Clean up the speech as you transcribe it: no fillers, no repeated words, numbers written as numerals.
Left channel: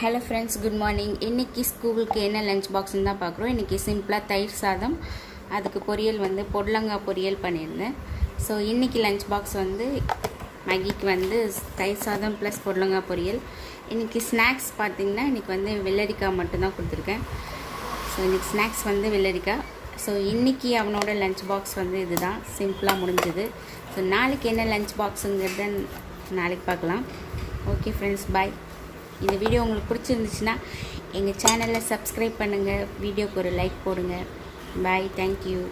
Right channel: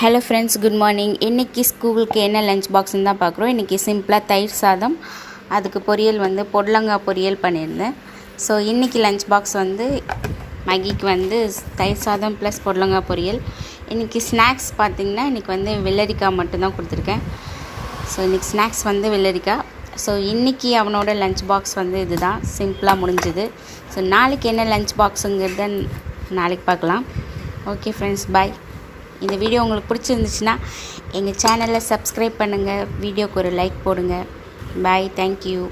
Hello friends, good morning. இன்றைக்கி ஸ்கூலுக்கு என்ன லஞ்ச் பாக்ஸ்ன்னு தான் பார்க்குறோம். இன்றைக்கி சிம்பிளாக தயிர் சாதம், அதுக்கு பொரியல் பொடலங்காய் பொரியல் பண்ணியிருந்தேன். ஸோ இன்றைக்கி லஞ்ச் பாக்ஸ் மேகிக்கு தயிர் சாதம் ப்ளஸ் பொடலங்காய் பொரியல். இன்றைக்கி ஸ்நாக்ஸ் பார்த்திங்கன்னா இன்றைக்கி வெள்ளரிக்காய் மட்டும்தான் கொடுத்துருக்கேன். ஸோ இன்றைக்கி ஸ்நாக்ஸ் வெள்ளரிக்காய். ஸோ இன்றைக்கி அவனோட லஞ்ச் பாக்ஸ் இதுதான், சிம்பிளாக முடிஞ்சுது. ஸோ நாளைக்கு என்ன லஞ்ச் பாக்ஸுங்கிறத நாளைக்கு பார்க்கலாம். ஓகே ஃப்ரெண்ட்ஸ், பாய். இந்த வீடியோ உங்களுக்கு பிடிச்சிருந்துச்சுன்னா எங்கள் சேனலை சப்ஸ்கிரைப் பண்ணுங்கள், வீடியோக்கு ஒரு லைக் போடுங்க. பாய், தேங்க்யூ.